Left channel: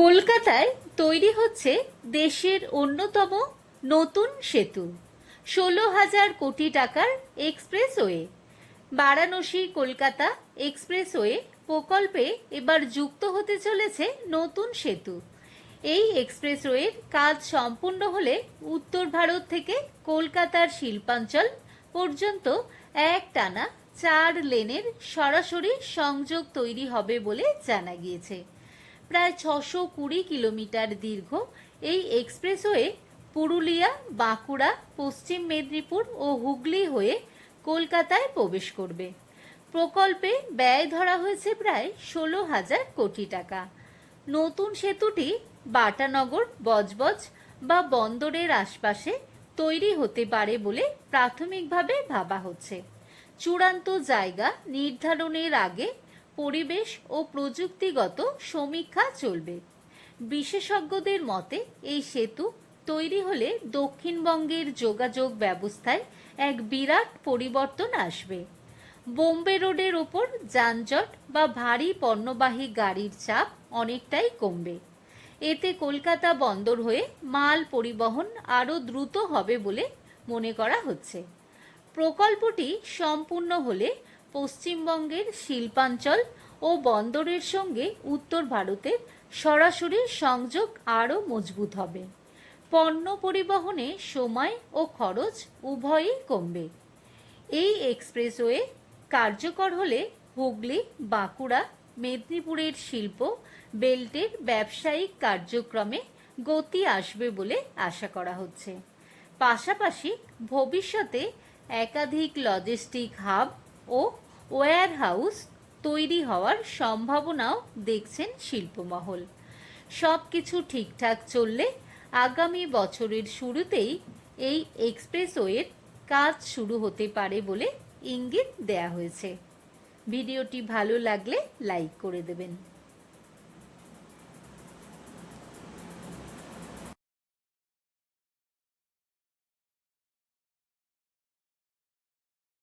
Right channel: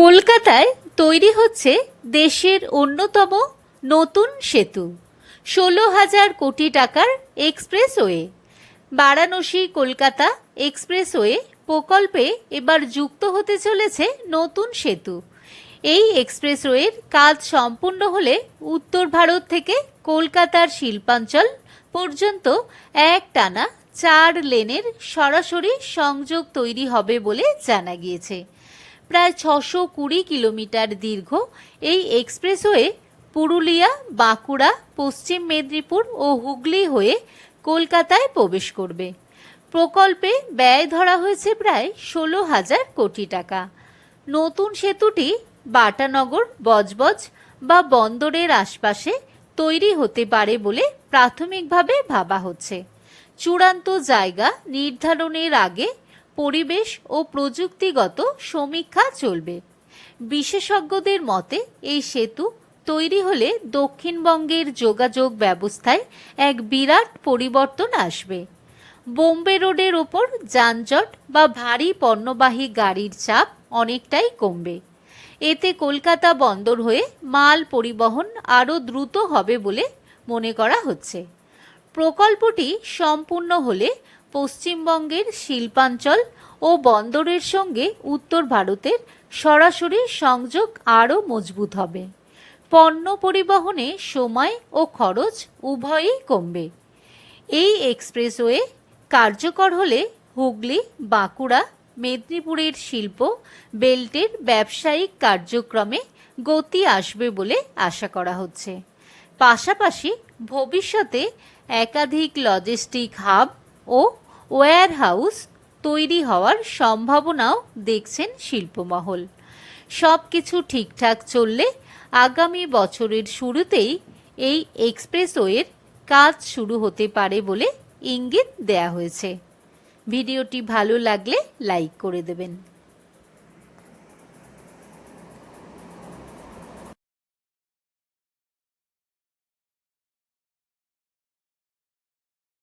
কলকাতায় তৈরি হচ্ছে দেশের অন্যতম নতুন সেতু, ষোলো হাজার কোটি টাকার এক্সপ্রেসওয়ে। বারাণসী কলকাতা এক্সপ্রেসওয়ে প্রকল্পে এবার যুক্ত হতে চলেছে নতুন সেতু। এই এক্সপ্রেসওয়ের কাজ সম্পূর্ণ হলে উত্তর ভারত থেকে কলকাতার শিল্পাঞ্চল পর্যন্ত এক টানা চার লেনের সরাসরি সংযোগ তৈরি হবে বলে জানা গিয়েছে। প্রায় ছশো কুড়ি কিলোমিটার দীর্ঘ এই এক্সপ্রেসওয়ে পুরুলিয়া, বাঁকুড়া, পশ্চিম মেদিনীপুর ও হুগলি হয়ে কলকাতায় প্রবেশ করবে। প্রকল্পে ব্যয় ধরা হয়েছে প্রায় ষোলো হাজার কোটি টাকা। নতুন সেতুটি বাটানগর, বজবজ বা বন্দরের আশপাশে তৈরি হতে পারে বলে প্রাথমিকভাবে ভাবা হচ্ছে। চূড়ান্ত জায়গা নির্ধারণের আগে পরিবেশ ও প্রযুক্তিগত সমীক্ষা চলবে। বিশেষজ্ঞদের মতে, এই সেতু তৈরি হলে দক্ষিণবঙ্গের যোগাযোগ ব্যবস্থায় এক বিরাট পরিবর্তন আসবে। বোম্বে রোডের ওপর যানজট বা ভারী পণ্যবাহী গাড়ির চাপ অনেকটাই কমবে। এতে কলকাতা বন্দর হয়ে মাল পরিবহন আরও দ্রুত হবে বলে মনে করা হচ্ছে। প্রকল্পটি সম্পূর্ণ হলে পশ্চিমবঙ্গের শিল্পাঞ্চল ও বন্দরের সঙ্গে উত্তর ভারতের সরাসরি সংযোগ আরও মজবুত হবে। পণ্য পরিবহনে সময় ও খরচ উভয়ই কমবে। এই এক্সপ্রেসওয়ে কার্যকর হলে হুগলি, বাঁকুড়া, মেদিনীপুরের শিল্প, বেল্টের ব্যবসায়িক কার্যক্রমে গতি আসবে বলে আশা করা হচ্ছে। পাশাপাশি ভবিষ্যতে একাধিক লজিস্টিক হাব ও ওয়্যার হাউস তৈরি হওয়ার সম্ভাবনাও দেখছেন শিল্পমহল। সব কিছু ঠিকঠাক চললে আগামী বছরের শুরুতেই এই এক্সপ্রেসওয়ের কাজ শুরু হতে পারে বলে ইঙ্গিত দেয়া হয়েছে। ভিডিওটি ভালো লাগলে লাইক করে দেবেন।